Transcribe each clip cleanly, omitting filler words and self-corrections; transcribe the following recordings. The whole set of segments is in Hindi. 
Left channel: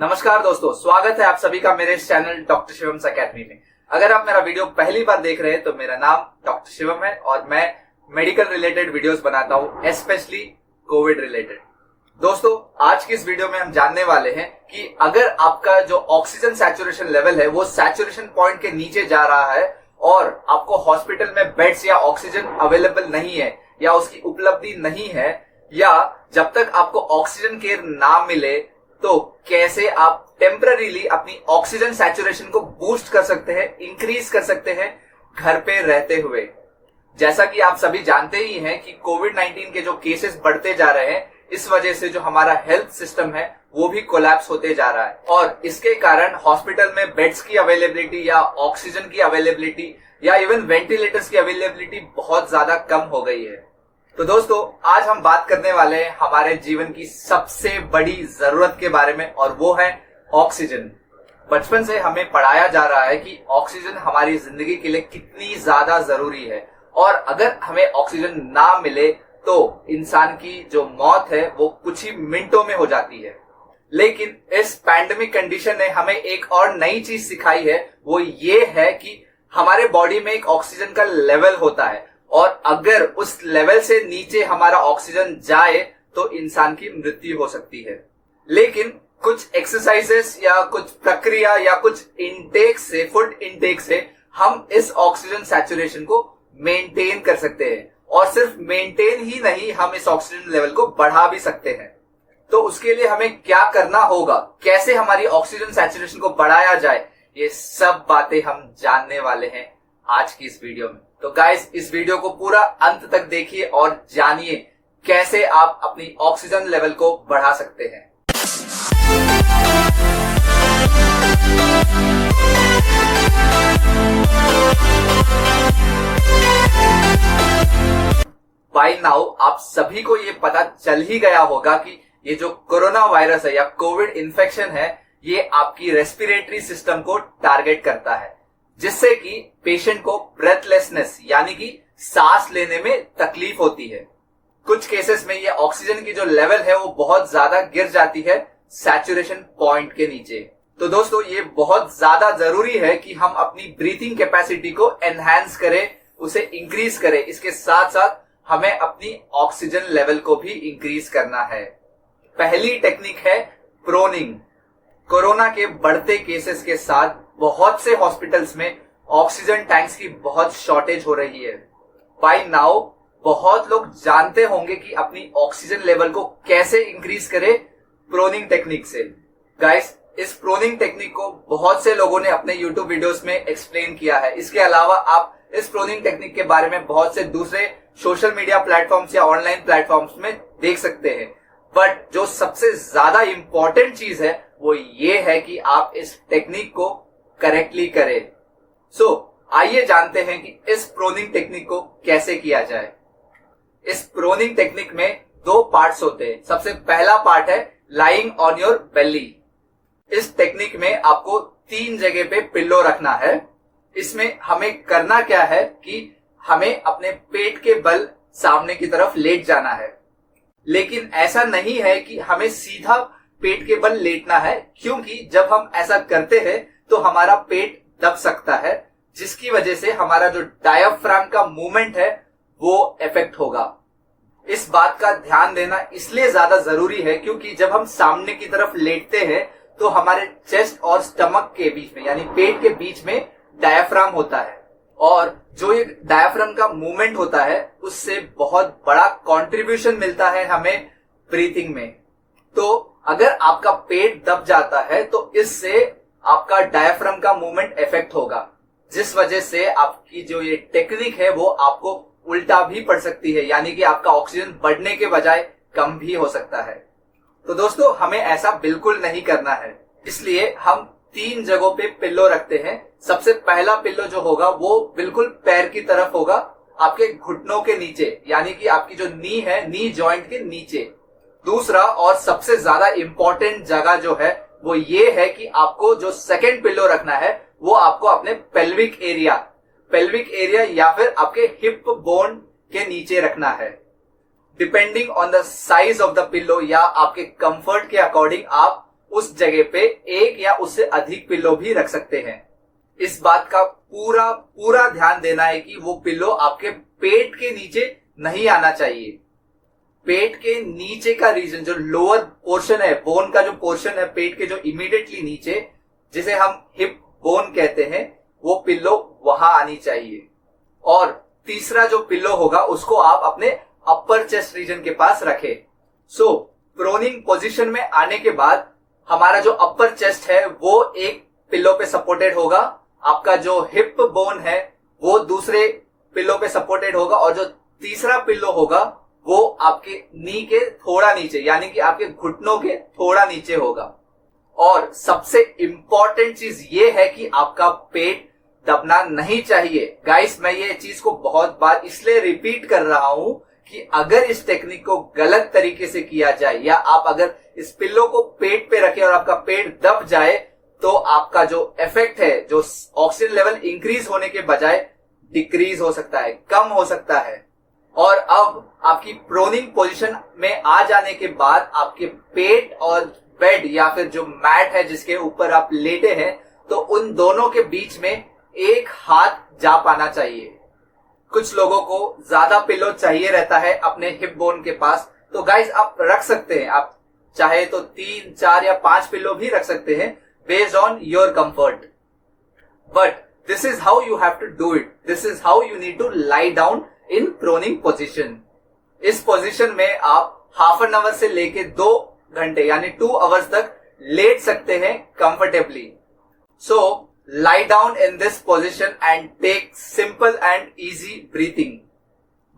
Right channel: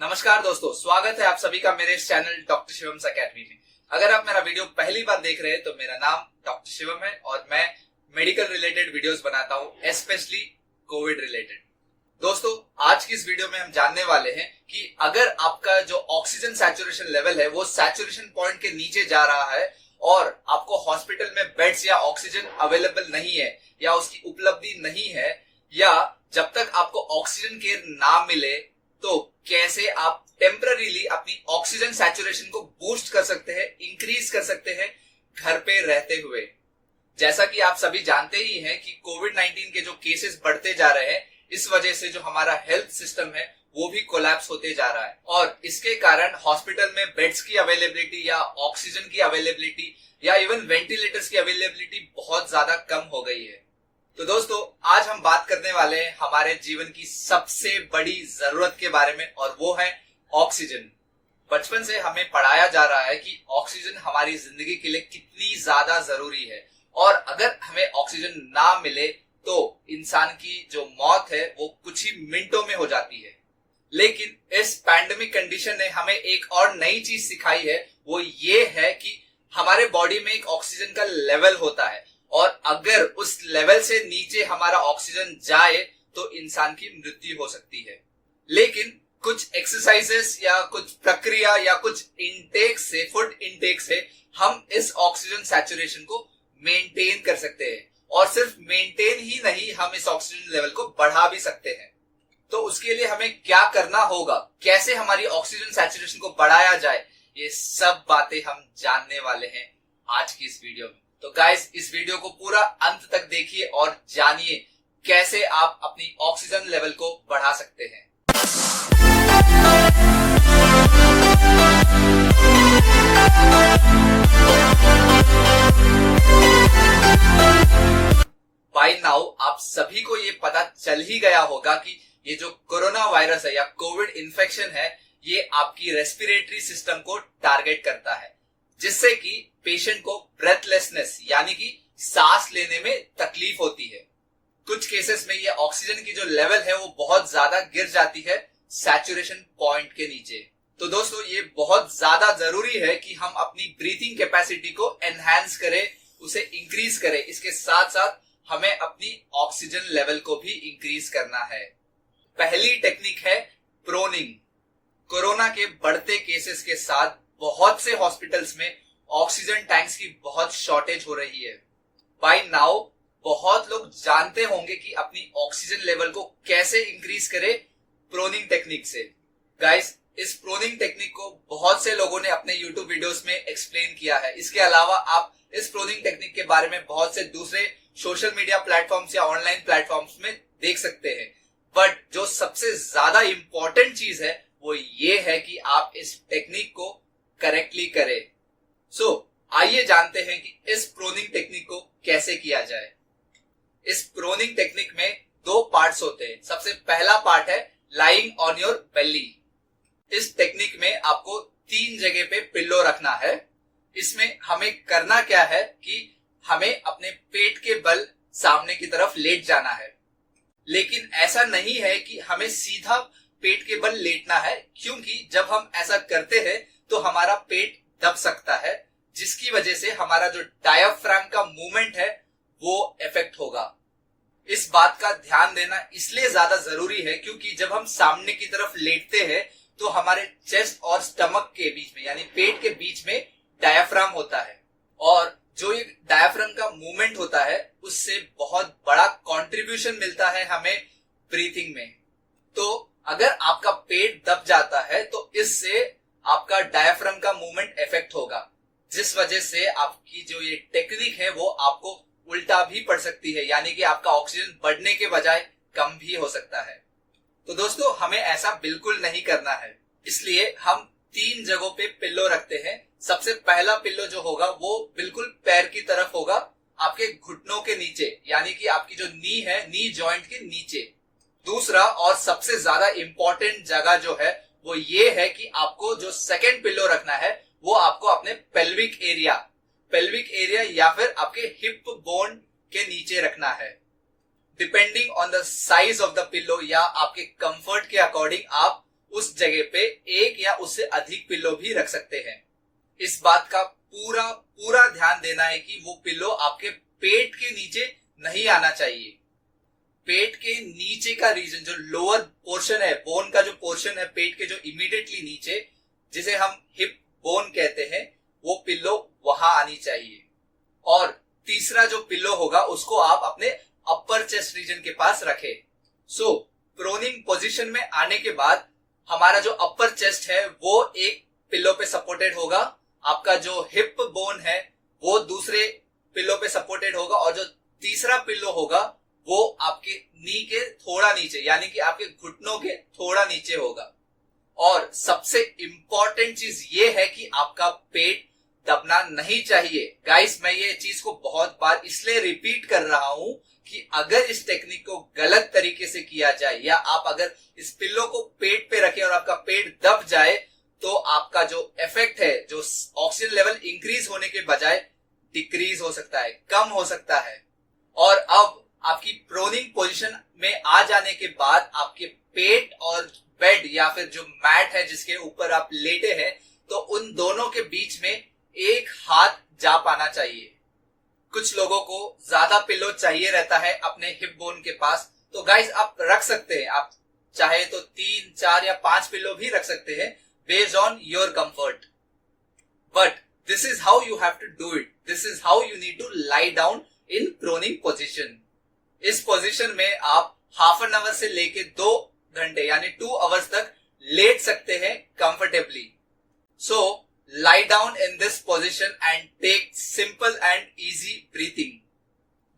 नमस्कार दोस्तों, स्वागत है आप सभी का मेरे इस चैनल डॉक्टर शिवम अकेडमी में। अगर आप मेरा वीडियो पहली बार देख रहे हैं तो मेरा नाम डॉक्टर शिवम है और मैं मेडिकल रिलेटेड वीडियोस बनाता हूं, स्पेशली कोविड रिलेटेड। दोस्तों, आज की इस वीडियो में हम जानने वाले हैं कि अगर आपका जो ऑक्सीजन सैचुरेशन लेवल है वो सैचुरेशन पॉइंट के नीचे जा रहा है और आपको हॉस्पिटल में बेड्स या ऑक्सीजन अवेलेबल नहीं है या उसकी उपलब्धि नहीं है, या जब तक आपको ऑक्सीजन केयर ना मिले, तो कैसे आप टेम्पररीली अपनी ऑक्सीजन सैचुरेशन को बूस्ट कर सकते हैं, इंक्रीज कर सकते हैं घर पे रहते हुए। जैसा कि आप सभी जानते ही हैं कि कोविड-19 के जो केसेस बढ़ते जा रहे हैं, इस वजह से जो हमारा हेल्थ सिस्टम है वो भी कोलैप्स होते जा रहा है और इसके कारण हॉस्पिटल में बेड्स की अवेलेबिलिटी या ऑक्सीजन की अवेलेबिलिटी या इवन वेंटिलेटर्स की अवेलेबिलिटी बहुत ज्यादा कम हो गई है। तो दोस्तों, आज हम बात करने वाले हैं हमारे जीवन की सबसे बड़ी जरूरत के बारे में और वो है ऑक्सीजन। बचपन से हमें पढ़ाया जा रहा है कि ऑक्सीजन हमारी जिंदगी के लिए कितनी ज्यादा जरूरी है और अगर हमें ऑक्सीजन ना मिले तो इंसान की जो मौत है वो कुछ ही मिनटों में हो जाती है। लेकिन इस पैंडेमिक कंडीशन ने हमें एक और नई चीज सिखाई है, वो ये है कि हमारे बॉडी में एक ऑक्सीजन का लेवल होता है और अगर उस लेवल से नीचे हमारा ऑक्सीजन जाए तो इंसान की मृत्यु हो सकती है। लेकिन कुछ एक्सरसाइजेस या कुछ प्रक्रिया या कुछ इनटेक से, फूड इनटेक से हम इस ऑक्सीजन सैचुरेशन को मेंटेन कर सकते हैं और सिर्फ मेंटेन ही नहीं, हम इस ऑक्सीजन लेवल को बढ़ा भी सकते हैं। तो उसके लिए हमें क्या करना होगा, कैसे हमारी ऑक्सीजन सैचुरेशन को बढ़ाया जाए, ये सब बातें हम जानने वाले हैं आज की इस वीडियो में। तो गाइस, इस वीडियो को पूरा अंत तक देखिए और जानिए कैसे आप अपनी ऑक्सीजन लेवल को बढ़ा सकते हैं। बाय नाउ आप सभी को ये पता चल ही गया होगा कि ये जो कोरोना वायरस है या कोविड इन्फेक्शन है, ये आपकी रेस्पिरेटरी सिस्टम को टारगेट करता है, जिससे कि पेशेंट को ब्रेथलेसनेस यानी कि सांस लेने में तकलीफ होती है। कुछ केसेस में ये ऑक्सीजन की जो लेवल है वो बहुत ज्यादा गिर जाती है सैचुरेशन पॉइंट के नीचे। तो दोस्तों, ये बहुत ज्यादा जरूरी है कि हम अपनी ब्रीथिंग कैपेसिटी को एनहांस करें, उसे इंक्रीज करें। इसके साथ साथ हमें अपनी ऑक्सीजन लेवल को भी इंक्रीज करना है। पहली टेक्निक है प्रोनिंग। कोरोना के बढ़ते केसेस के साथ बहुत से हॉस्पिटल्स में ऑक्सीजन टैंक्स की बहुत शॉर्टेज हो रही है। बाय नाउ बहुत लोग जानते होंगे कि अपनी ऑक्सीजन लेवल को कैसे इंक्रीज करें प्रोनिंग टेक्निक से। गाइस, इस प्रोनिंग टेक्निक को बहुत से लोगों ने अपने यूट्यूब वीडियोस में एक्सप्लेन किया है। इसके अलावा आप इस प्रोनिंग टेक्निक के बारे में बहुत से दूसरे सोशल मीडिया प्लेटफॉर्म्स या ऑनलाइन प्लेटफॉर्म्स में देख सकते हैं। बट जो सबसे ज्यादा इंपॉर्टेंट चीज है वो ये है कि आप इस टेक्निक को करेक्टली करें। सो आइए जानते हैं कि इस प्रोनिंग टेक्निक को कैसे किया जाए। इस प्रोनिंग टेक्निक में दो पार्ट्स होते हैं। सबसे पहला पार्ट है लाइंग ऑन योर बेली। इस टेक्निक में आपको 3 जगह पे पिल्लो रखना है। इसमें हमें करना क्या है कि हमें अपने पेट के बल सामने की तरफ लेट जाना है। लेकिन ऐसा नहीं है कि हमें सीधा पेट के बल लेटना है, क्योंकि जब हम ऐसा करते हैं तो हमारा पेट दब सकता है, जिसकी वजह से हमारा जो डायाफ्राम का मूवमेंट है वो इफेक्ट होगा। इस बात का ध्यान देना इसलिए ज्यादा जरूरी है क्योंकि जब हम सामने की तरफ लेटते हैं तो हमारे चेस्ट और स्टमक के बीच में यानी पेट के बीच में डायाफ्राम होता है और जो ये डायाफ्राम का मूवमेंट होता है उससे बहुत बड़ा कंट्रीब्यूशन मिलता है हमें ब्रीथिंग में। तो अगर आपका पेट दब जाता है तो इससे आपका डायाफ्राम का मूवमेंट इफेक्ट होगा, जिस वजह से आपकी जो ये टेक्निक है वो आपको उल्टा भी पड़ सकती है, यानी कि आपका ऑक्सीजन बढ़ने के बजाय कम भी हो सकता है। तो दोस्तों, हमें ऐसा बिल्कुल नहीं करना है, इसलिए हम 3 जगहों पे पिल्लो रखते हैं। सबसे पहला पिल्लो जो होगा वो बिल्कुल पैर की तरफ होगा, आपके घुटनों के नीचे, यानी कि आपकी जो नी है, नी जॉइंट के नीचे। दूसरा और सबसे ज्यादा इंपॉर्टेंट जगह जो है वो ये है कि आपको जो सेकंड पिल्लो रखना है वो आपको अपने पेल्विक एरिया या फिर आपके हिप बोन के नीचे रखना है। Depending on the size of the pillow या आपके कंफर्ट के अकॉर्डिंग आप उस जगह पे एक या उससे अधिक पिल्लो भी रख सकते हैं। इस बात का पूरा पूरा ध्यान देना है कि वो पिल्लो आपके पेट के नीचे नहीं आना चाहिए। पेट के नीचे का रीजन, जो लोअर पोर्शन है, बोन का जो पोर्शन है पेट के जो इमीडिएटली नीचे, जिसे हम हिप बोन कहते हैं, वो पिल्लो वहां आनी चाहिए। और तीसरा जो पिल्लो होगा उसको आप अपने अपर चेस्ट रीजन के पास रखें। सो प्रोनिंग पोजीशन में आने के बाद हमारा जो अपर चेस्ट है वो एक पिल्लो पे सपोर्टेड होगा, आपका जो हिप बोन है वो दूसरे पिल्लो पे सपोर्टेड होगा, और जो तीसरा पिल्लो होगा वो आपके नी के थोड़ा नीचे, यानी कि आपके घुटनों के थोड़ा नीचे होगा। और सबसे इंपॉर्टेंट चीज ये है कि आपका पेट दबना नहीं चाहिए। गाइस, मैं ये चीज को बहुत बार इसलिए रिपीट कर रहा हूं कि अगर इस टेक्निक को गलत तरीके से किया जाए, या आप अगर इस पिल्लो को पेट पे रखें और आपका पेट दब जाए, तो आपका जो इफेक्ट है, जो ऑक्सीजन लेवल इंक्रीज होने के बजाय डिक्रीज हो सकता है, कम हो सकता है। और अब आपकी प्रोनिंग पोजीशन में आ जाने के बाद आपके पेट और बेड या फिर जो मैट है जिसके ऊपर आप लेटे हैं, तो उन दोनों के बीच में एक हाथ जा पाना चाहिए। कुछ लोगों को ज्यादा पिल्लो चाहिए रहता है अपने हिप बोन के पास, तो गाइस आप रख सकते हैं। आप चाहे तो 3, 4 या 5 पिल्लो भी रख सकते हैं, based on your comfort. But this is how you have to do it. This is how you need to lie down in proning position. इस पोजीशन में आप हाफ एन आवर से लेके 2 घंटे यानी 2 आवर्स तक लेट सकते हैं comfortably. So lie down in this position and take simple and easy breathing।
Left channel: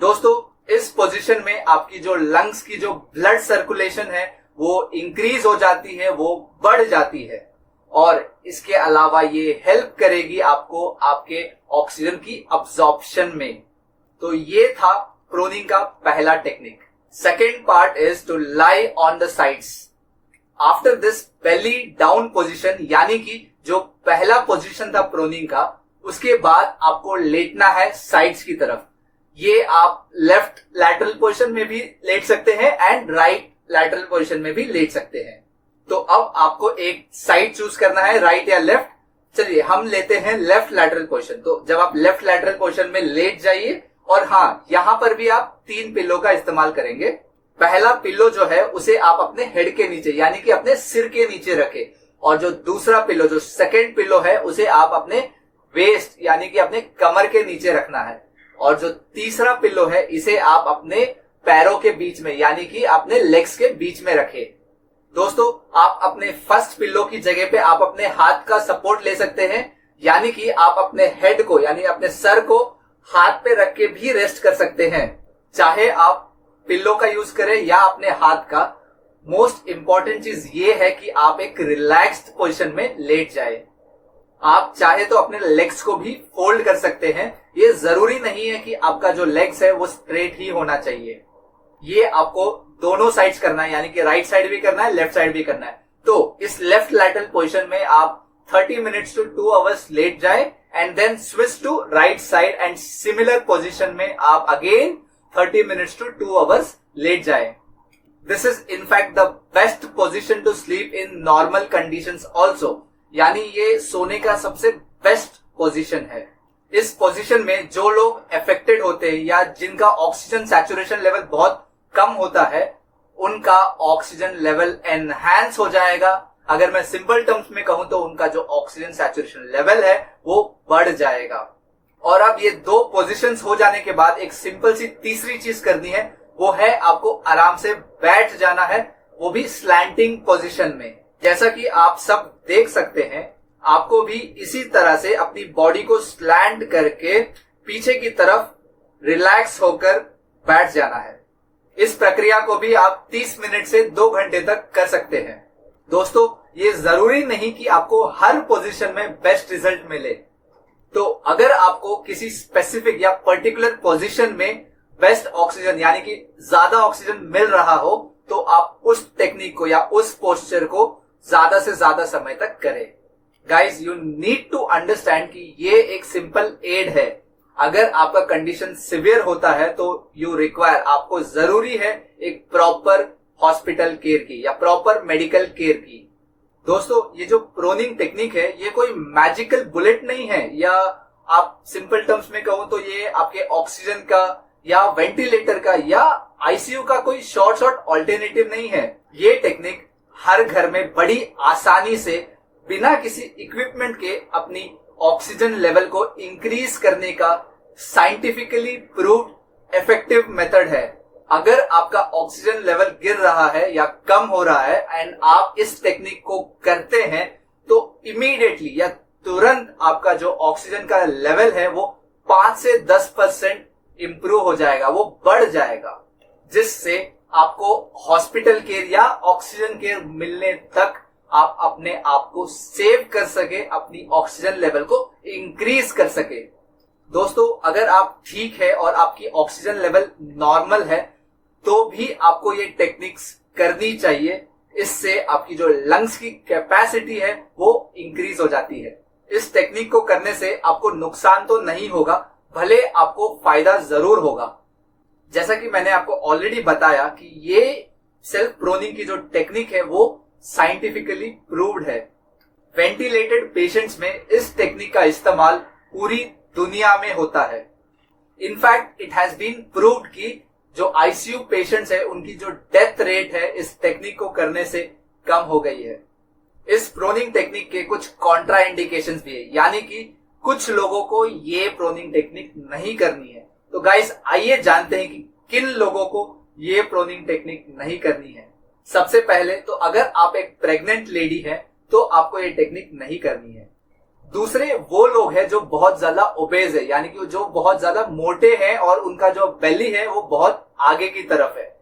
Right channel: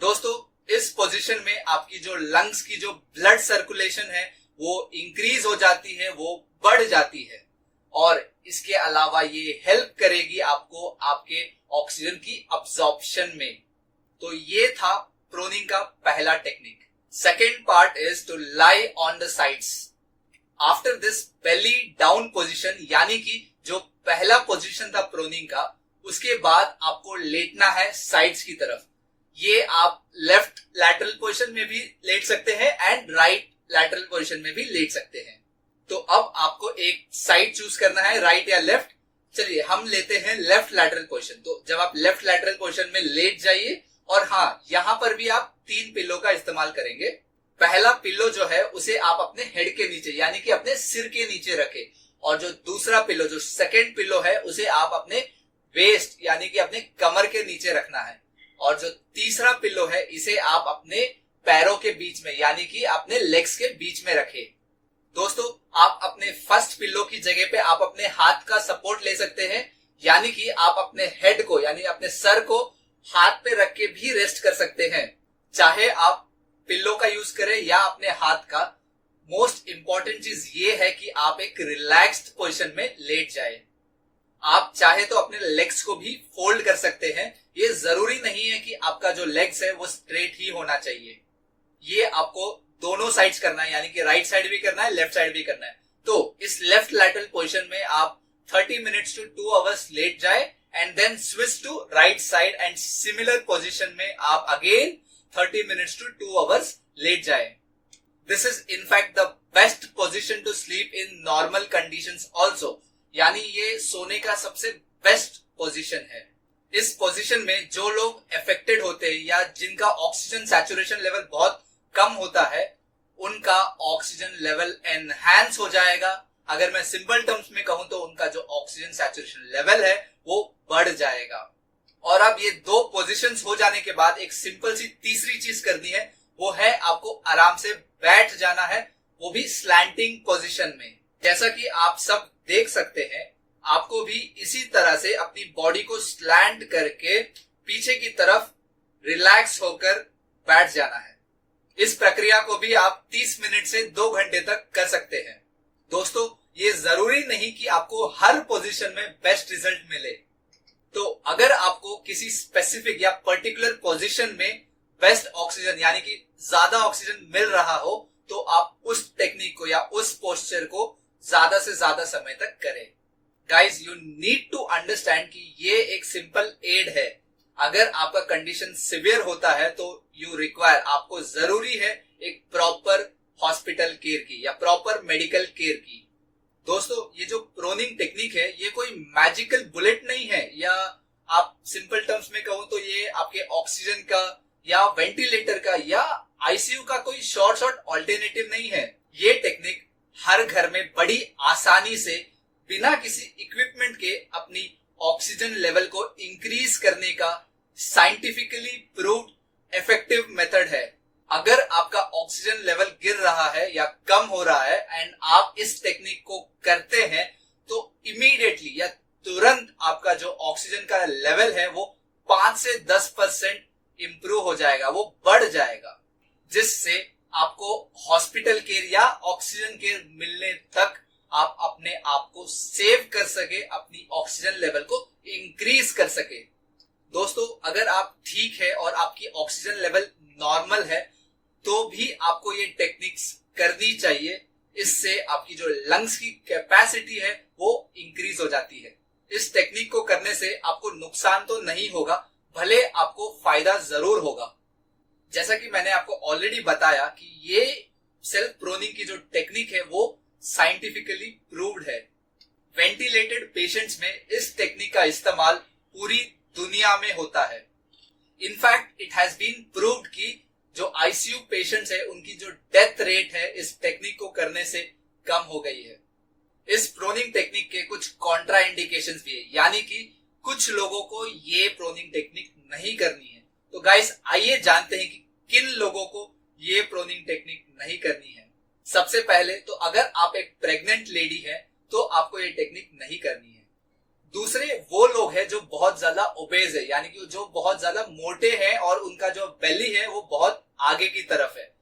दोस्तों, इस पोजीशन में आपकी जो लंग्स की जो ब्लड सर्कुलेशन है वो इंक्रीज हो जाती है, वो बढ़ जाती है, और इसके अलावा ये हेल्प करेगी आपको आपके ऑक्सीजन की अब्जॉर्प्शन में। तो ये था प्रोनिंग का पहला technique. Second part is to lie on the sides. After this belly down position, यानी कि जो पहला पोजीशन था प्रोनिंग का, उसके बाद आपको लेटना है साइड्स की तरफ। ये आप लेफ्ट लैटरल पोजीशन में भी लेट सकते हैं एंड राइट लैटरल पोजीशन में भी लेट सकते हैं। तो अब आपको एक साइड चूज करना है, राइट या लेफ्ट। चलिए हम लेते हैं लेफ्ट लैटरल पोजीशन। तो जब आप लेफ्ट लैटरल पोजीशन में लेट जाइए, और हाँ, यहां पर भी आप 3 पिल्लो का इस्तेमाल करेंगे। पहला पिल्लो जो है उसे आप अपने हेड के नीचे यानी कि अपने सिर के नीचे रखें, और जो दूसरा पिल्लो, जो सेकेंड पिल्लो है, उसे आप अपने वेस्ट यानी कि अपने कमर के नीचे रखना है, और जो तीसरा पिल्लो है इसे आप अपने पैरों के बीच में यानी कि अपने लेग्स के बीच में रखें। दोस्तों, आप अपने फर्स्ट पिल्लो की जगह पे आप अपने हाथ का सपोर्ट ले सकते हैं, यानी कि आप अपने हेड को यानी अपने सर को हाथ पे रख के भी रेस्ट कर सकते हैं। चाहे आप पिल्लो का यूज करें या अपने हाथ का, मोस्ट इंपॉर्टेंट चीज ये है कि आप एक रिलैक्स्ड पोजीशन में लेट जाए। आप चाहे तो अपने लेग्स को भी फोल्ड कर सकते हैं। ये जरूरी नहीं है कि आपका जो लेग्स है वो स्ट्रेट ही होना चाहिए। ये आपको दोनों साइड्स करना है, यानी कि राइट साइड भी करना है, लेफ्ट साइड भी करना है। तो इस लेफ्ट लैटरल पोजीशन में आप 30 मिनट्स टू 2 आवर्स लेट जाए, and then switch to right side, and similar position में आप अगेन 30 मिनट्स टू 2 आवर्स लेट जाए। This is in fact the best position to sleep in normal conditions also। यानी ये सोने का सबसे बेस्ट पोजीशन है। इस पोजीशन में जो लोग अफेक्टेड होते हैं या जिनका ऑक्सीजन सैचुरेशन लेवल बहुत कम होता है, उनका ऑक्सीजन लेवल एनहांस हो जाएगा। अगर मैं सिंपल टर्म्स में कहूं तो उनका जो ऑक्सीजन सैचुरेशन लेवल है वो बढ़ जाएगा। और अब ये 2 पोजीशंस हो जाने के बाद एक सिंपल सी तीसरी चीज करनी है, वो है आपको आराम से बैठ जाना है, वो भी स्लैंटिंग पोजीशन में। जैसा कि आप सब देख सकते हैं, आपको भी इसी तरह से अपनी बॉडी को स्लैंट करके पीछे की तरफ रिलैक्स होकर बैठ जाना है। इस प्रक्रिया को भी आप 30 मिनट से 2 घंटे तक कर सकते हैं। दोस्तों, ये जरूरी नहीं कि आपको हर पोजीशन में बेस्ट रिजल्ट मिले। तो अगर आपको किसी स्पेसिफिक या पर्टिकुलर पोजीशन में बेस्ट ऑक्सीजन यानी कि ज्यादा ऑक्सीजन मिल रहा हो, तो आप उस टेक्निक को या उस पोस्चर को ज्यादा से ज्यादा समय तक करें। Guys, you need to understand कि ये एक सिंपल एड है। अगर आपका कंडीशन सिवियर होता है तो यू रिक्वायर, आपको जरूरी है एक प्रॉपर हॉस्पिटल केयर की या प्रॉपर मेडिकल केयर की। दोस्तों, ये जो प्रोनिंग टेक्निक है ये कोई मैजिकल बुलेट नहीं है, या आप सिंपल टर्म्स में कहूं तो ये आपके ऑक्सीजन का या वेंटिलेटर का या आईसीयू का कोई शॉर्ट ऑल्टरनेटिव नहीं है। ये टेक्निक हर घर में बड़ी आसानी से बिना किसी इक्विपमेंट के अपनी ऑक्सीजन लेवल को इंक्रीज करने का साइंटिफिकली प्रूव्ड इफेक्टिव मेथड है। अगर आपका ऑक्सीजन लेवल गिर रहा है या कम हो रहा है एंड आप इस टेक्निक को करते हैं तो इमीडिएटली या तुरंत आपका जो ऑक्सीजन का लेवल है वो 5 से 10% इंप्रूव हो जाएगा, वो बढ़ जाएगा, जिससे आपको हॉस्पिटल केयर या ऑक्सीजन केयर मिलने तक आप अपने आप को सेव कर सके, अपनी ऑक्सीजन लेवल को इंक्रीज कर सके। दोस्तों, अगर आप ठीक है और आपकी ऑक्सीजन लेवल नॉर्मल है तो भी आपको ये टेक्निक्स करनी चाहिए। इससे आपकी जो लंग्स की कैपेसिटी है वो इंक्रीज हो जाती है। इस टेक्निक को करने से आपको नुकसान तो नहीं होगा, भले आपको फायदा जरूर होगा। जैसा कि मैंने आपको ऑलरेडी बताया कि ये सेल्फ प्रोनिंग की जो टेक्निक है वो साइंटिफिकली प्रूव्ड है। वेंटिलेटेड पेशेंट्स में इस टेक्निक का इस्तेमाल पूरी दुनिया में होता है। In fact it has been proved कि जो आईसीयू पेशेंट्स है उनकी जो डेथ रेट है इस टेक्निक को करने से कम हो गई है। इस प्रोनिंग टेक्निक के कुछ कॉन्ट्रा इंडिकेशंस भी है, यानी कि कुछ लोगों को ये प्रोनिंग टेक्निक नहीं करनी है। तो गाइस, आइए जानते हैं कि किन लोगों को ये प्रोनिंग टेक्निक नहीं करनी है। सबसे पहले तो अगर आप एक प्रेग्नेंट लेडी है तो आपको ये टेक्निक नहीं करनी है। दूसरे वो लोग हैं जो बहुत ज्यादा ओबेज है, यानी कि जो बहुत ज्यादा मोटे हैं और उनका जो बेली है वो बहुत आगे की तरफ है,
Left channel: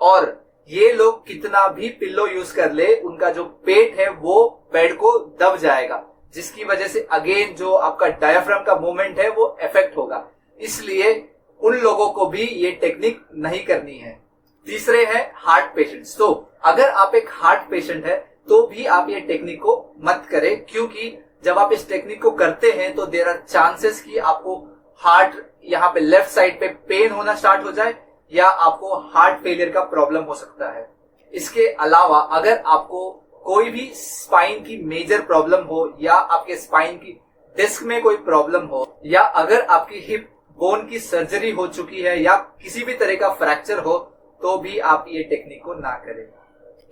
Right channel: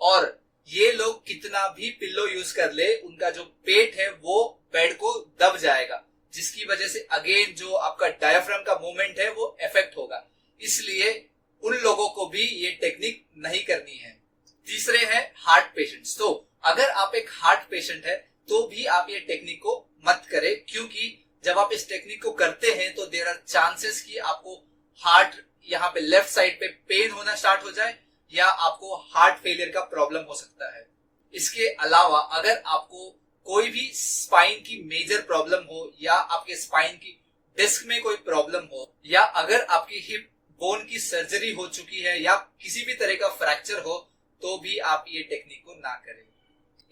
और ये लोग कितना भी पिल्लो यूज कर ले उनका जो पेट है वो बेड को दब जाएगा, जिसकी वजह से अगेन जो आपका डायफ्राम का मूवमेंट है वो इफेक्ट होगा। इसलिए उन लोगों को भी ये टेक्निक नहीं करनी है। तीसरे है हार्ट पेशेंट्स। तो अगर आप एक हार्ट पेशेंट है तो भी आप ये टेक्निक को मत करें, क्योंकि जब आप इस टेक्निक को करते हैं तो देयर आर चांसेस कि आपको हार्ट यहाँ पे लेफ्ट साइड पे पेन होना स्टार्ट हो जाए या आपको हार्ट फेलियर का प्रॉब्लम हो सकता है। इसके अलावा अगर आपको कोई भी स्पाइन की मेजर प्रॉब्लम हो या आपके स्पाइन की डिस्क में कोई प्रॉब्लम हो या अगर आपकी हिप बोन की सर्जरी हो चुकी है या किसी भी तरह का फ्रैक्चर हो तो भी आप ये टेक्निक को ना करें।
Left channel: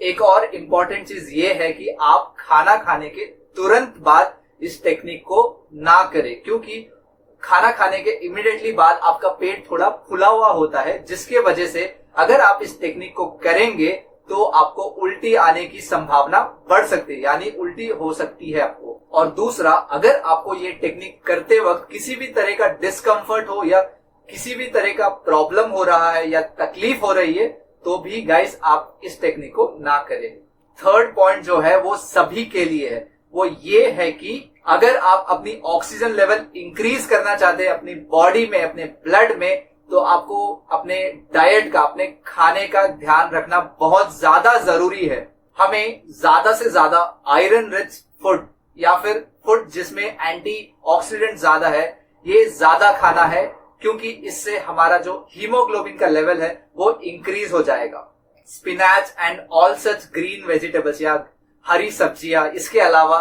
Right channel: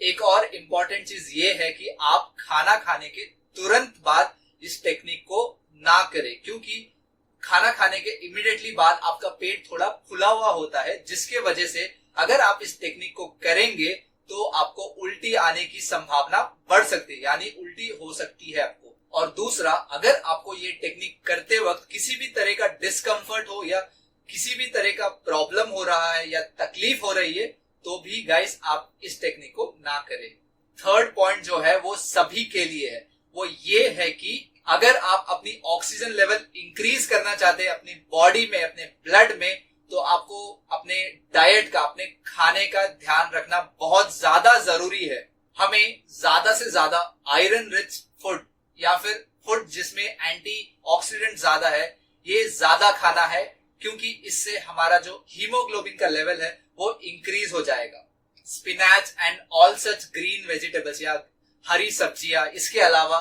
एक और इम्पॉर्टेंट चीज ये है कि आप खाना खाने के तुरंत बाद इस टेक्निक को ना करें, क्योंकि खाना खाने के इमीडिएटली बाद आपका पेट थोड़ा फुला हुआ होता है, जिसके वजह से अगर आप इस टेक्निक को करेंगे तो आपको उल्टी आने की संभावना बढ़ सकती है, यानी उल्टी हो सकती है आपको। और दूसरा, अगर आपको ये टेक्निक करते वक्त किसी भी तरह का डिस्कम्फर्ट हो या किसी भी तरह का प्रॉब्लम हो रहा है या तकलीफ हो रही है तो भी गाइस आप इस टेक्निक को ना करें। थर्ड पॉइंट जो है वो सभी के लिए है, वो ये है कि अगर आप अपनी ऑक्सीजन लेवल इंक्रीज करना चाहते हैं अपनी बॉडी में, अपने ब्लड में, तो आपको अपने डाइट का, अपने खाने का ध्यान रखना बहुत ज्यादा जरूरी है। हमें ज्यादा से ज्यादा आयरन रिच फूड या फिर फूड जिसमें एंटी ऑक्सीडेंट ज्यादा है ये ज्यादा खाना है, क्योंकि इससे हमारा जो हीमोग्लोबिन का लेवल है वो इंक्रीज हो जाएगा। Spinach and all such green vegetables या हरी सब्जियां, इसके अलावा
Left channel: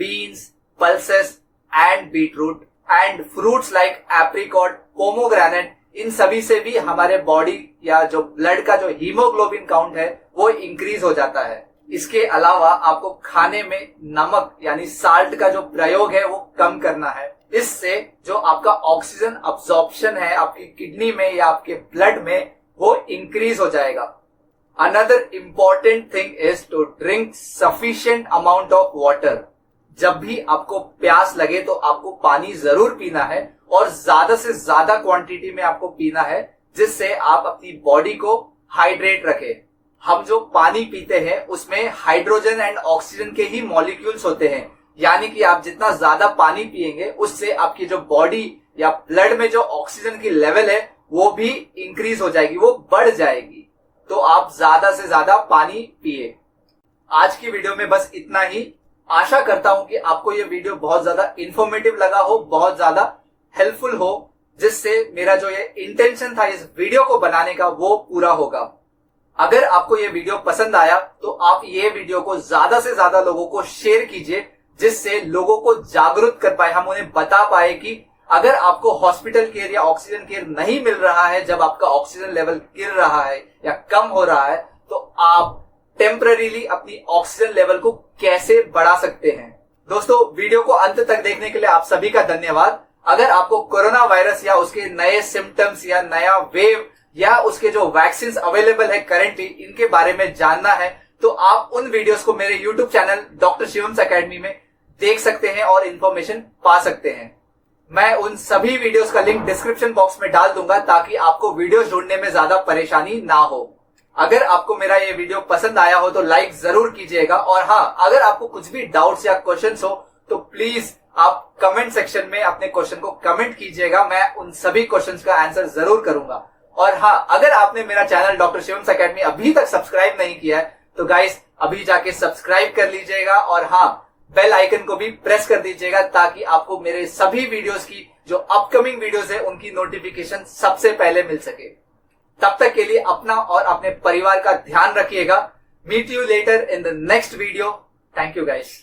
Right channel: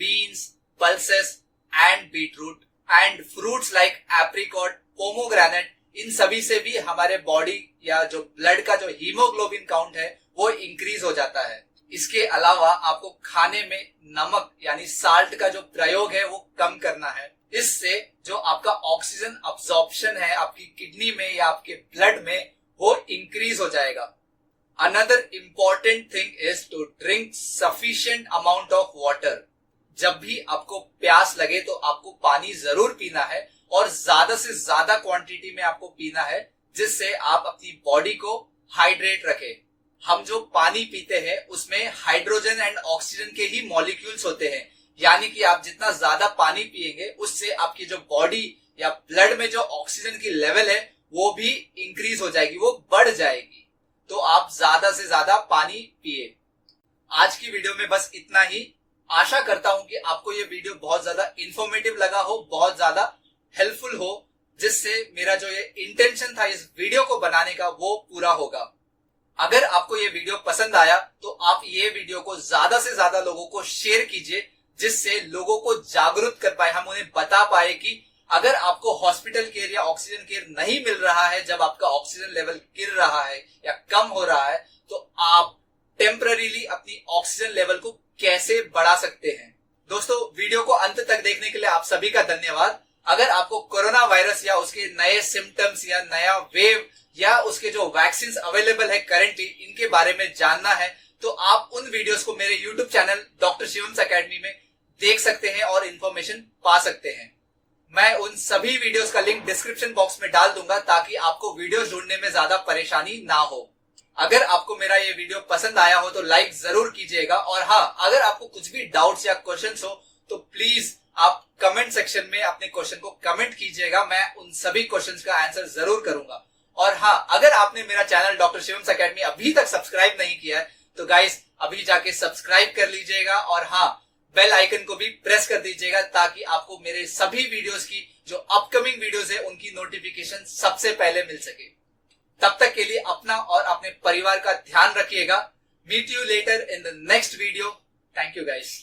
beans, pulses and beetroot and fruits like apricot, pomegranate, इन सभी से भी हमारे बॉडी या जो ब्लड का जो हीमोग्लोबिन काउंट है वो इंक्रीज हो जाता है। इसके अलावा आपको खाने में नमक यानी साल्ट का जो प्रयोग है वो कम करना है। इससे जो आपका ऑक्सीजन अब्जॉर्प्शन है आपकी किडनी में या आपके ब्लड में वो इंक्रीज हो जाएगा। Another important thing is to drink sufficient amount of water. जब भी आपको प्यास लगे तो आपको पानी जरूर पीना है और ज्यादा से ज्यादा क्वांटिटी में आपको पीना है, जिससे आप अपनी बॉडी को हाइड्रेट रखें। हम जो पानी पीते हैं उसमें हाइड्रोजन एंड ऑक्सीजन के ही मॉलिक्यूल्स होते हैं, यानी कि आप जितना ज्यादा पानी पिएंगे उससे आपकी जो बॉडी या ब्लड में जो ऑक्सीजन की लेवल है वो भी इंक्रीज हो जाएगी, वो बढ़ जाएगी। तो आप ज्यादा से ज्यादा पानी पिए। आज की वीडियो में बस इतना ही। आशा करता हूं कि आपको ये वीडियो बहुत ज्यादा इंफॉर्मेटिव लगा हो, बहुत ज्यादा हेल्पफुल हो, जिससे मेरा जो ये इंटेंशन था इस वीडियो को बनाने का वो पूरा होगा। अगर आपको ये वीडियो पसंद आया तो आप ये वीडियो को ज्यादा से ज्यादा लोगों को शेयर कीजिए, जिससे लोगों को जागरूक कर पाए, हम उन्हें बता पाए कि अगर आपको हॉस्पिटल केयर या ऑक्सीजन केयर नहीं मिल रहा है, जब आपका ऑक्सीजन लेवल गिर रहा है या कम हो रहा है, तो आप टेम्पररीली अपनी ऑक्सीजन लेवल को कैसे बढ़ा सकते हैं। दोस्तों, वीडियो को अंत तक देखने के लिए आप सभी का धन्यवाद। अगर आपको कोरोना वायरस या उसके नए सिम्टम्स या नया वेव या उसके जो वैक्सीन अवेलेबल है करेंटली, इनके बारे में जानना है, तो आप उन वीडियोस को मेरे यूट्यूब चैनल डॉक्टर शिवम्स एकेडमी में देख सकते हैं और इंफॉर्मेशन पा सकते हैं। मैं उन सभी वीडियोस का लिंक डिस्क्रिप्शन बॉक्स में डाल दूंगा ताकि आपको वीडियोस ढूंढने में ज्यादा परेशानी ना हो। अगर आपको मेरा ये वीडियो पसंद आया हो तो लाइक जरूर कीजिएगा, और हाँ, अगर आपको कुछ भी डाउट्स या क्वेश्चंस हो तो प्लीज आप कमेंट सेक्शन में अपने क्वेश्चन को कमेंट कीजिएगा, मैं उन सभी क्वेश्चंस का आंसर जरूर करूंगा। और हाँ, अगर आपने मेरा चैनल डॉक्टर शिवम्स एकेडमी अभी तक सब्सक्राइब नहीं किया है तो गाइस अभी जाके सब्सक्राइब कर लीजिएगा, और हाँ, बेल आइकन को भी प्रेस कर दीजिएगा ताकि आपको मेरे सभी वीडियोस की जो अपकमिंग वीडियोस है उनकी नोटिफिकेशन सबसे पहले मिल सके। तब तक के लिए अपना और अपने परिवार का ध्यान रखिएगा। Meet you later in the next video. Thank you guys.